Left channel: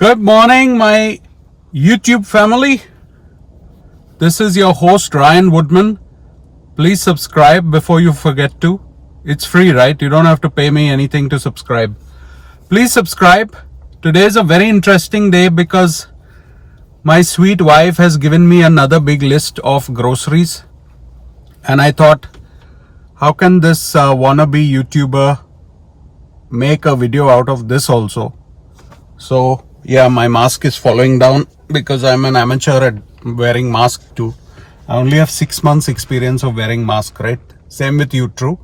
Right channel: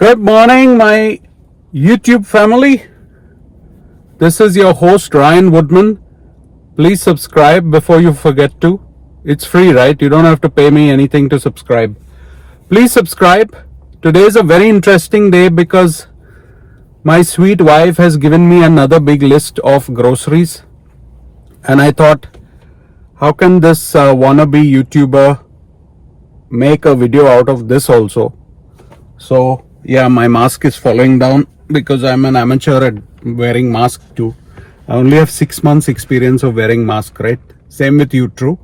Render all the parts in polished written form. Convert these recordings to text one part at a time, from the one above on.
Good morning, my YouTube family. This is your host, Ryan Woodman. Please subscribe before you forget to. It's free, right? You don't have to pay me anything to subscribe. Please subscribe. Today is a very interesting day because my sweet wife has given me another big list of groceries. And I thought, how can this wannabe YouTuber make a video out of this also? So yeah, my mask is falling down because I'm an amateur at wearing mask too. I only have 6 months experience of wearing mask, right? Same with you, true.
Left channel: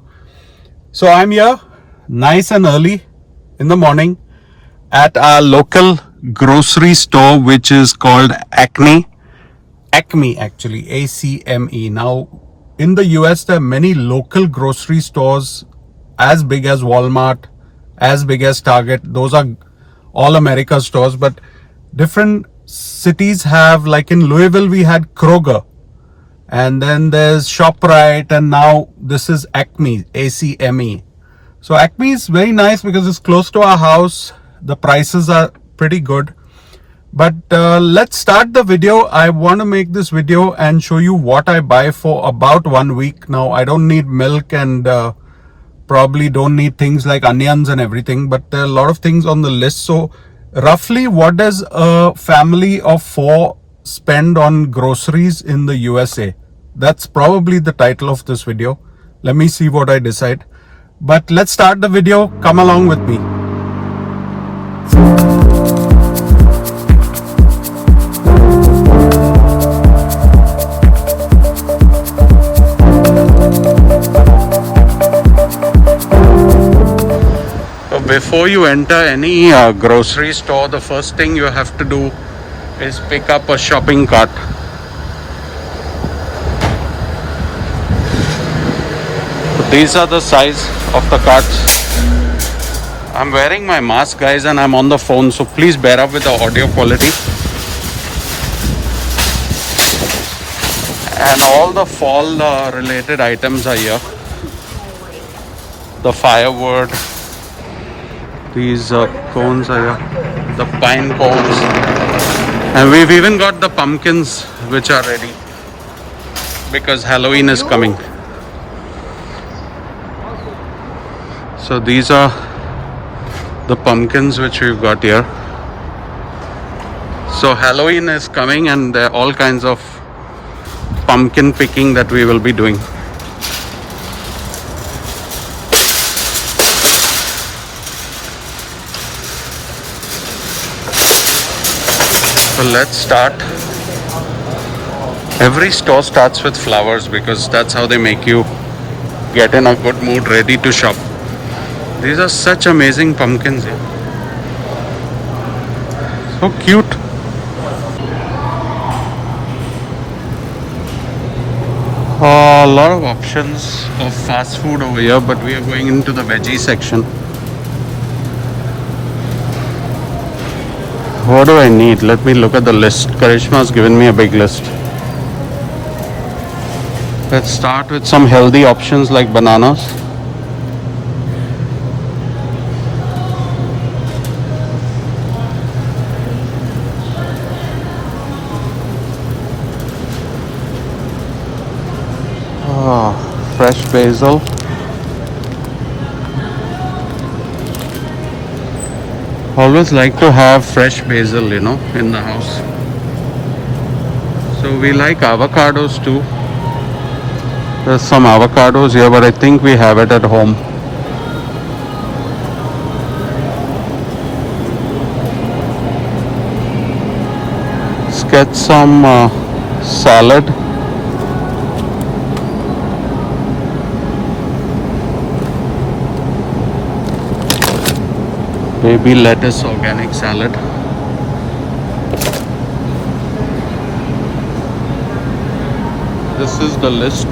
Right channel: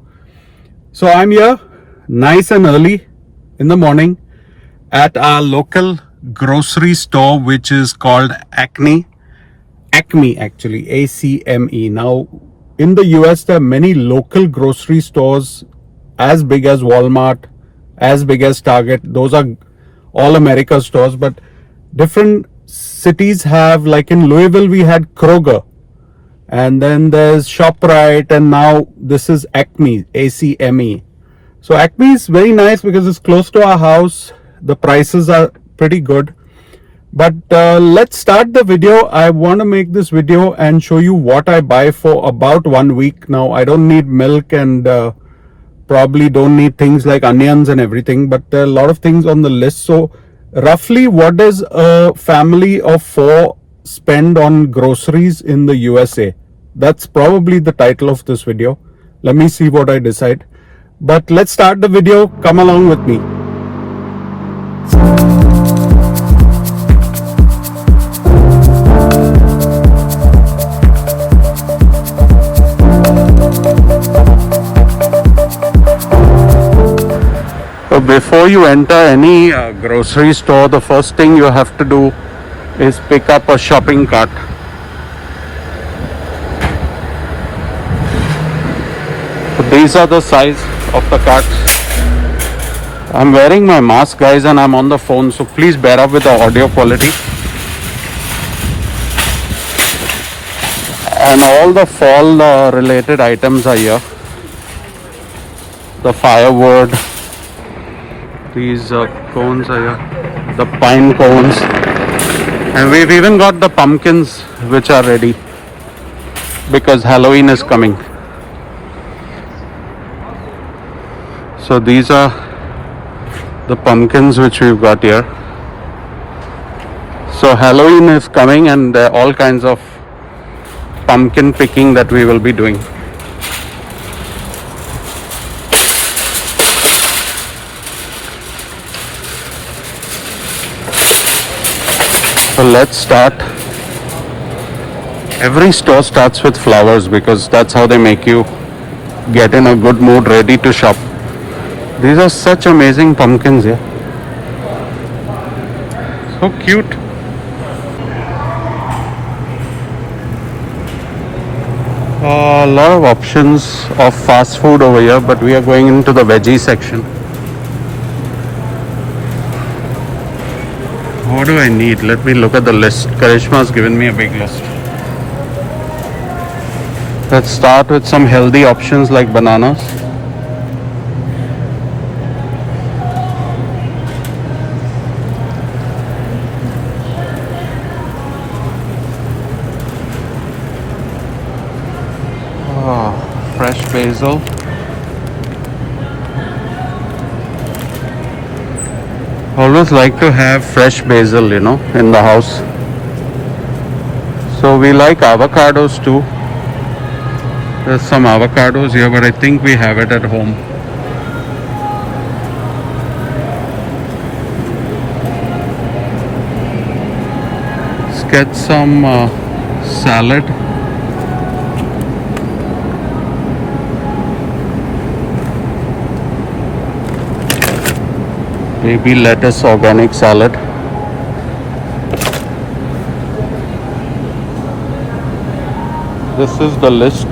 So I'm here nice and early in the morning at our local grocery store, which is called Acme actually, ACME. Now in the US there are many local grocery stores as big as Walmart, as big as Target. Those are all America stores, but different cities have, like in Louisville we had Kroger, and then there's ShopRite, and now this is Acme, ACME. So Acme is very nice because it's close to our house. The prices are pretty good. But let's start the video. I want to make this video and show you what I buy for about 1 week. Now I don't need milk and probably don't need things like onions and everything, but there are a lot of things on the list. So roughly, what does a family of 4 spend on groceries in the USA? That's probably the title of this video. Let me see what I decide. But let's start the video. Come along with me. Before you enter any grocery store, the first thing you have to do is pick up a shopping cart. So these are the size of the carts. I'm wearing my mask, guys, and I'm on the phone, so please bear up with the audio quality. And all the fall related items are here. The firewood. These cones are here, the pine cones, and we've even got the pumpkins which are ready because Halloween is coming. So these are the pumpkins which we've got here. So Halloween is coming and there are all kinds of pumpkin picking that we will be doing. So let's start. Every store starts with flowers because that's how they make you get in a good mood, ready to shop. These are such amazing pumpkins. So cute. A lot of options of fast food over here, but we are going into the veggie section. What do I need? Let me look at the list. Karishma's given me a big list. Let's start with some healthy options like bananas. Fresh basil. Always like to have fresh basil, in the house. So we like avocados too. There's some avocados here, but I think we have it at home. Let's get some salad. Baby lettuce organic salad. This is the list.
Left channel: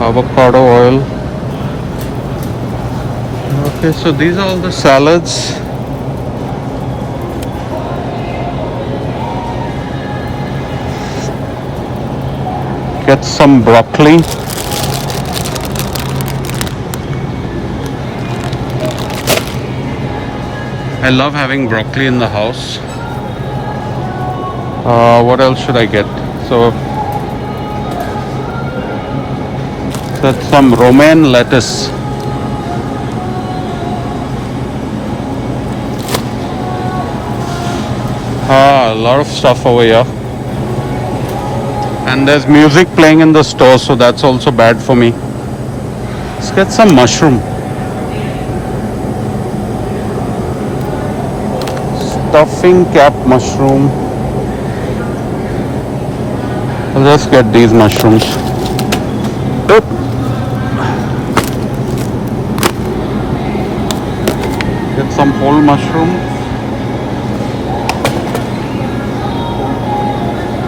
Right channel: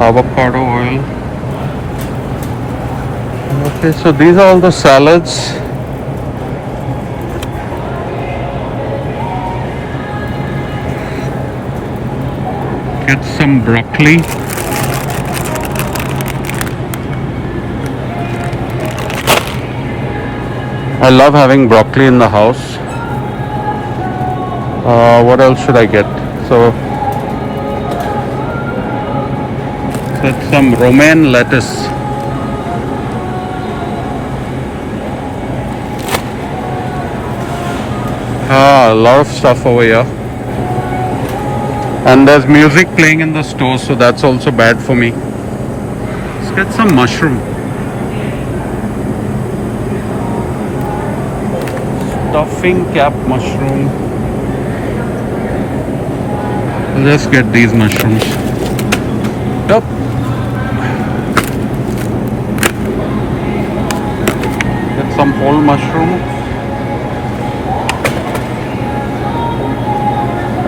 Avocado oil. Okay, so these are all the salads. Get some broccoli. I love having broccoli in the house. What else should I get? So that's some romaine lettuce. A lot of stuff over here. And there's music playing in the store, so that's also bad for me. Let's get some mushroom. Stuffing cap mushroom. Let's get these mushrooms. Yep. Get some whole mushroom.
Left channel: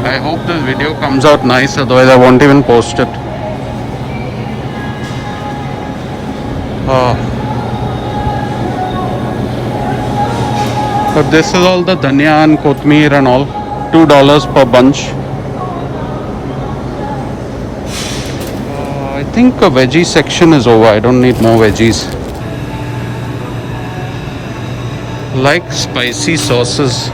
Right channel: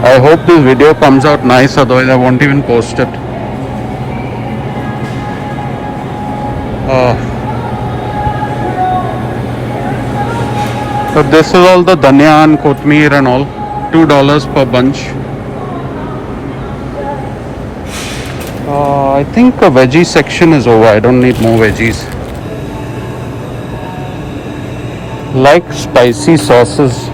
I hope this video comes out nice, otherwise I won't even post it. So this is all the dhania and kothmeer and all. $2 per bunch. I think a veggie section is over. I don't need more veggies. Like spicy sauces.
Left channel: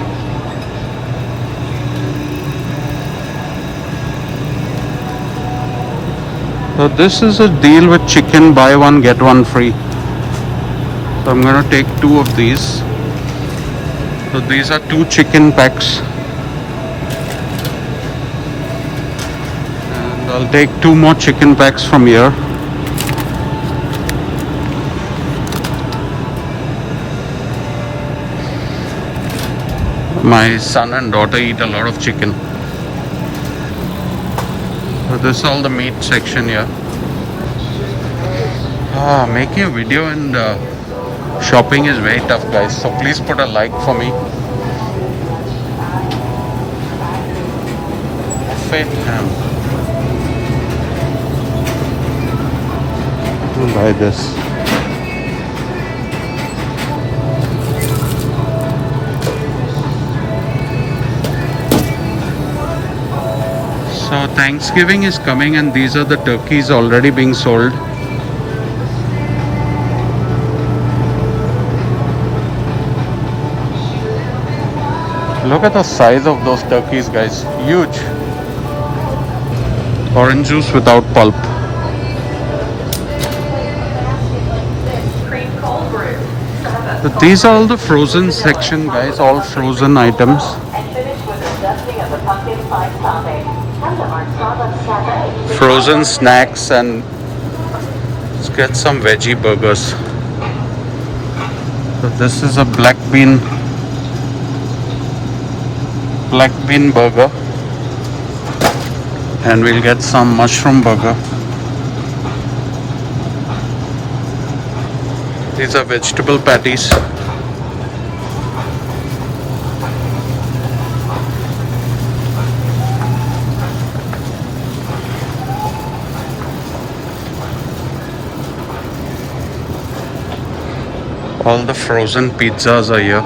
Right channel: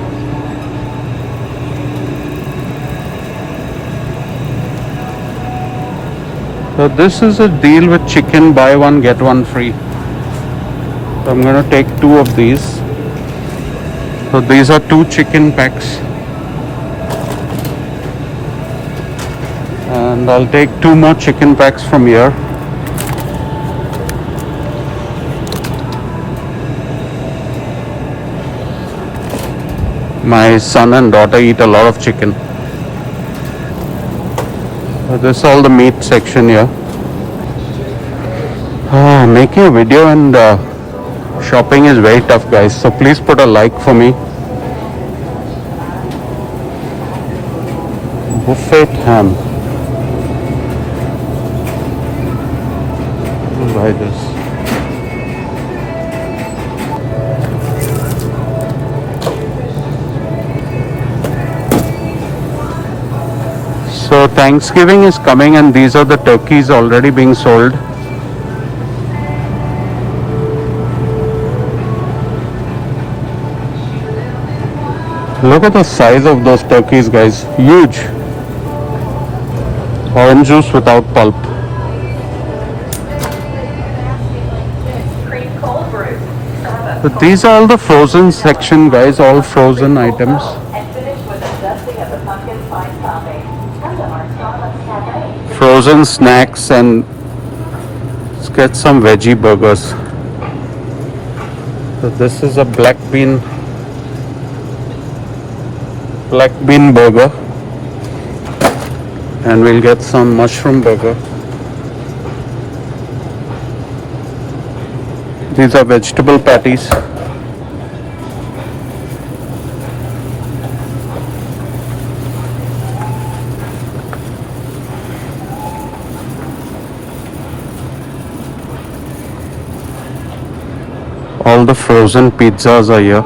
So this is a deal with chicken, buy one get one free. So I'm going to take 2 of these. So these are 2 chicken packs. And I'll take 2 more chicken packs from here. My son and daughter eat a lot of chicken. So this is all the meat section here. Making a video and shopping is very tough, guys. So please put a like for me. Buffet ham. I'll buy this. So Thanksgiving is coming and these are the turkeys already being sold. Look at the size of those turkeys, guys. Huge. Orange juice without pulp. Cream cold brew. But these are all the frozen section, guys. All frozen items. And finish with the dusting of the pumpkin spice topping. Come to our Starbucks Cafe. Frozen snacks, and let's get some veggie burgers. So this is a black bean burger, and we'll get some mushroom burger. These are vegetable patties. All the frozen pizzas are here.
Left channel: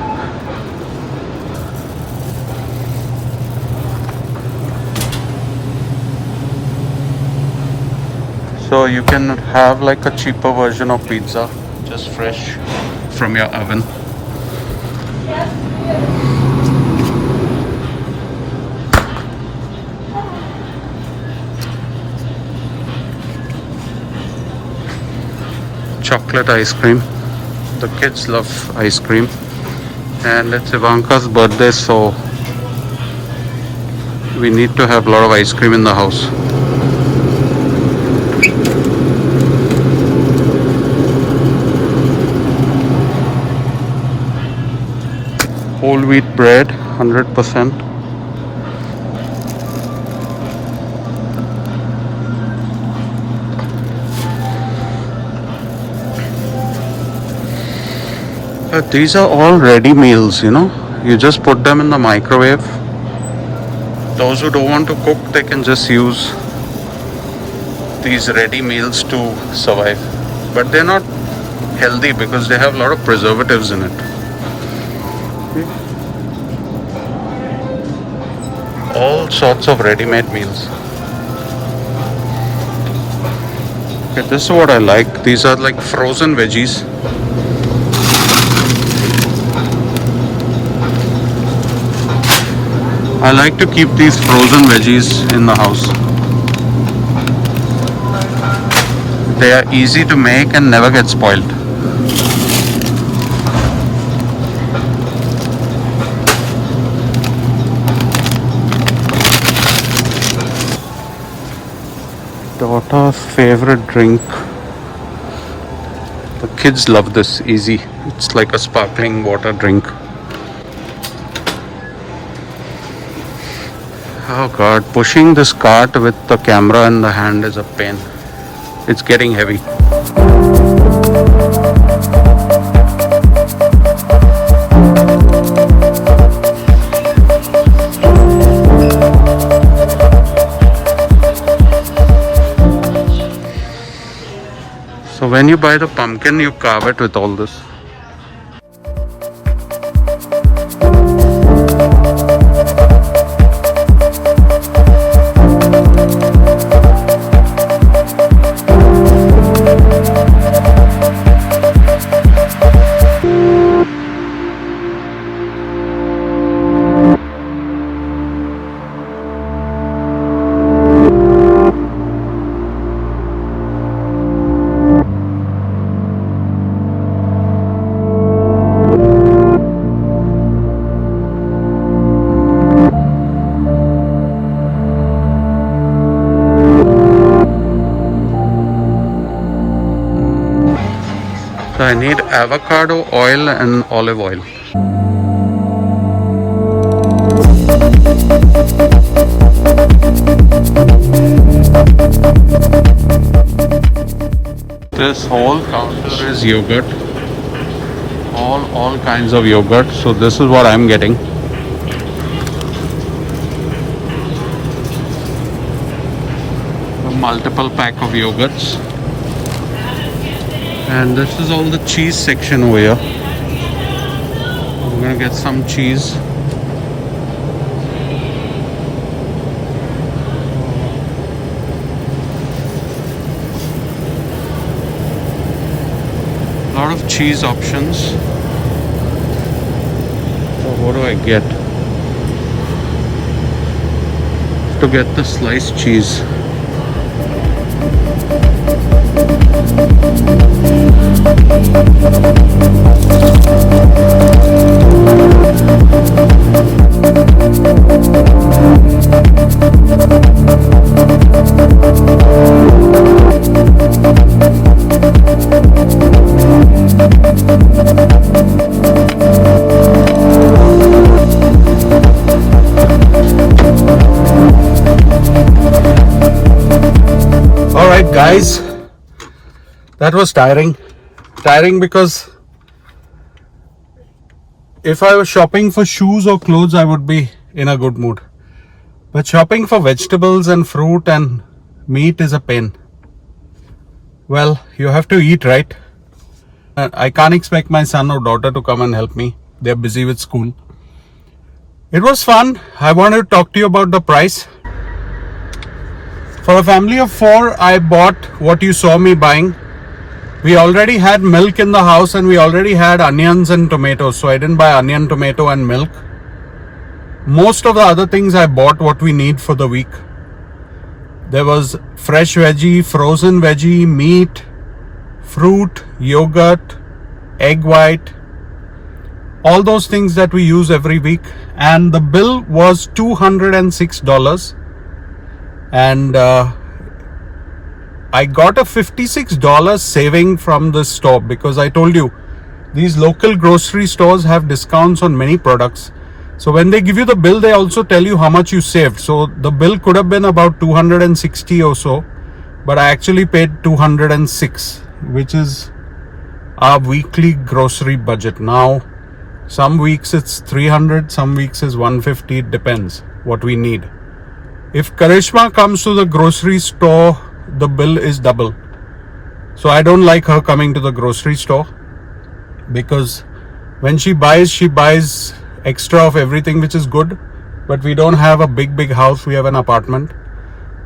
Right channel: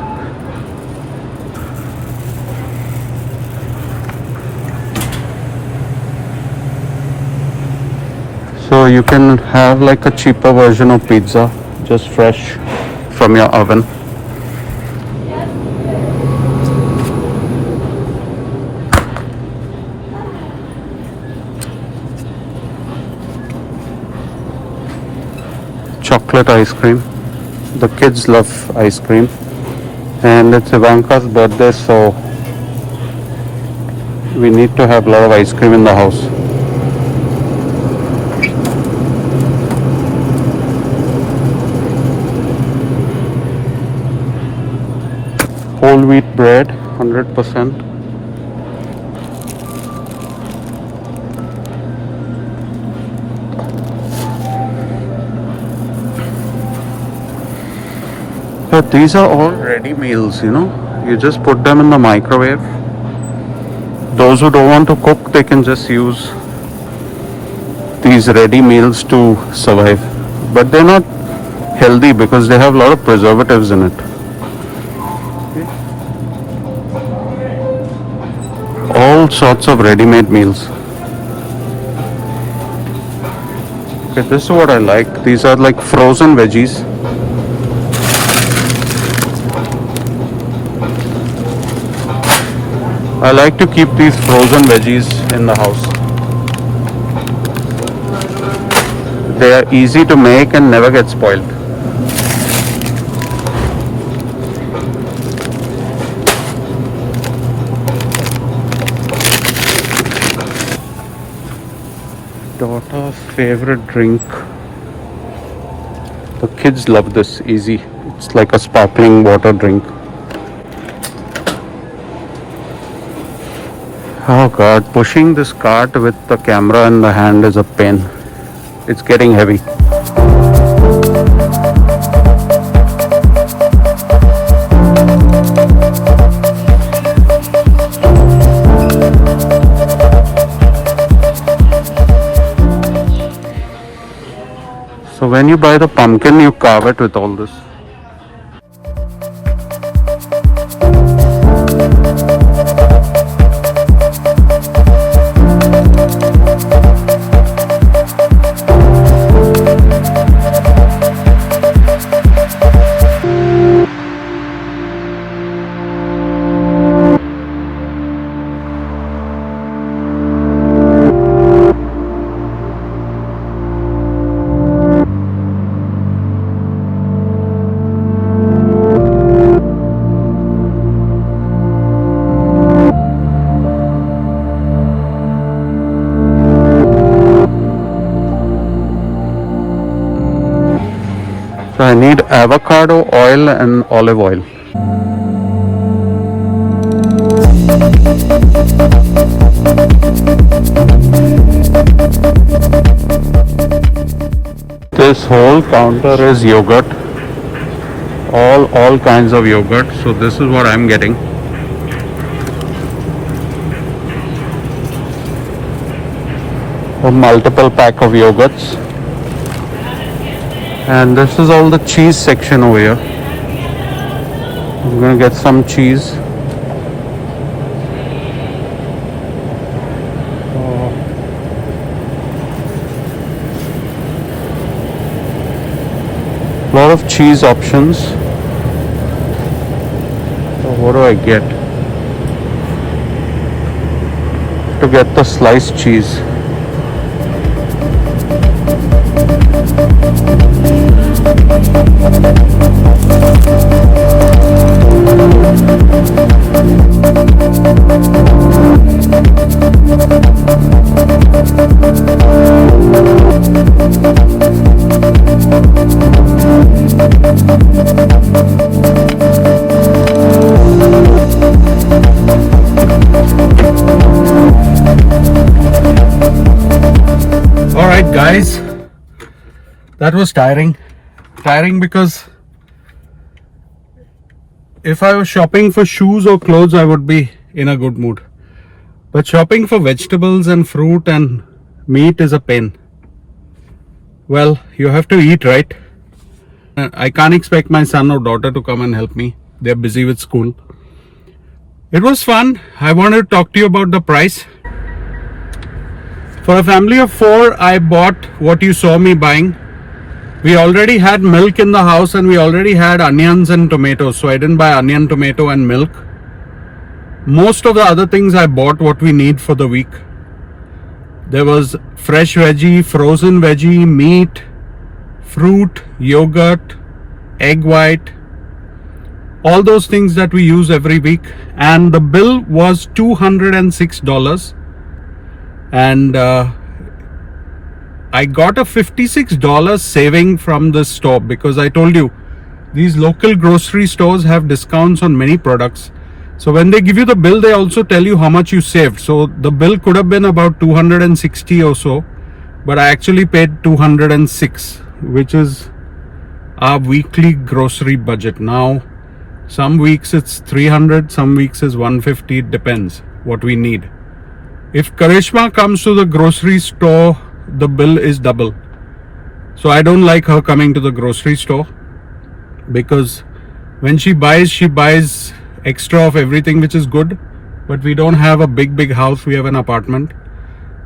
So you can have like a cheaper version of pizza, just fresh from your oven. Chocolate ice cream. The kids love ice cream. And it's Ivanka's birthday, so we need to have a lot of ice cream in the house. Whole wheat bread, 100%. But these are all ready meals, you know. You just put them in the microwave. Those who don't want to cook, they can just use these ready meals to survive. But they're not healthy because they have a lot of preservatives in it. Okay. All sorts of ready-made meals. Okay, this is what I like. These are like frozen veggies. I like to keep these frozen veggies in the house. They are easy to make and never get spoiled. Daughter's favorite drink. The kids love this. Easy. It's like a sparkling water drink. Oh god, pushing this cart with the camera in the hand is a pain. It's getting heavy. So when you buy the pumpkin, you carve it with all this. So I need avocado oil and olive oil. This whole counter is yogurt. All kinds of yogurt. So this is what I'm getting. A multiple pack of yogurts. And this is all the cheese section over here. I'm gonna get some cheese. Lot of cheese options. So what do I get? To get the sliced cheese. Alright guys, that was tiring because if I was shopping for shoes or clothes, I would be in a good mood, but shopping for vegetables and fruit and meat is a pain. Well, you have to eat, right? I can't expect my son or daughter to come and help me. They're busy with school. It was fun. I wanted to talk to you about the price. For a family of 4, I bought what you saw me buying. We already had milk in the house and we already had onions and tomatoes. So I didn't buy onion, tomato and milk. Most of the other things I bought what we need for the week. There was fresh veggie, frozen veggie, meat, fruit, yogurt, egg white. All those things that we use every week. And the bill was $206. And I got a $56 saving from this store because I told you these local grocery stores have discounts on many products. So when they give you the bill, they also tell you how much you saved. So the bill could have been about 260 or so, but I actually paid 206, which is our weekly grocery budget. Now, some weeks it's 300, some weeks is 150. It depends what we need. If Karishma comes to the grocery store, the bill is double. So I don't like her coming to the grocery store because when she buys extra of everything, which is good, but we don't have a big house. We have an apartment.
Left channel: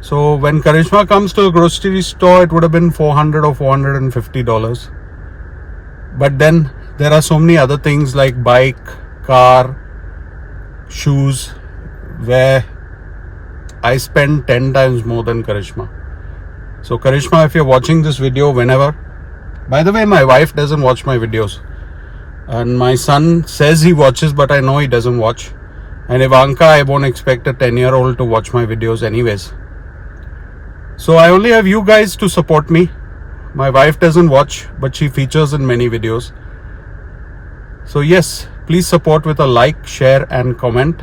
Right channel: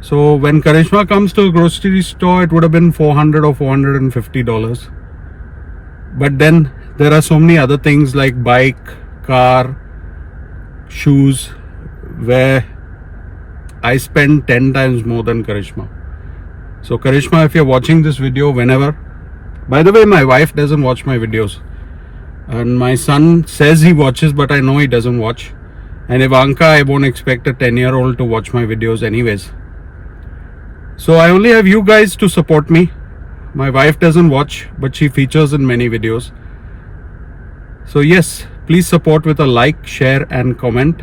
So when Karishma comes to the grocery store, it would have been $400 or $450. But then there are so many other things like bike, car, shoes, where I spend 10 times more than Karishma. So Karishma, if you're watching this video whenever, by the way, my wife doesn't watch my videos. And my son says he watches, but I know he doesn't watch. And Ivanka, I won't expect a 10-year-old to watch my videos anyways. So I only have you guys to support me. My wife doesn't watch, but she features in many videos. So yes, please support with a like, share and comment.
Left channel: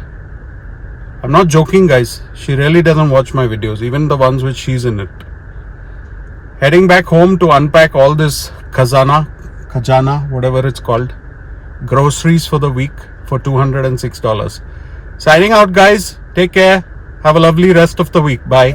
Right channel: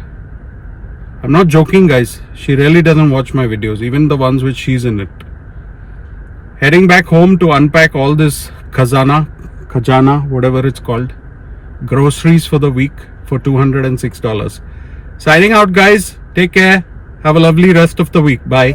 I'm not joking, guys. She really doesn't watch my videos, even the ones which she's in it. Heading back home to unpack all this khajana, whatever it's called, groceries for the week for $206. Signing out, guys. Take care. Have a lovely rest of the week. Bye.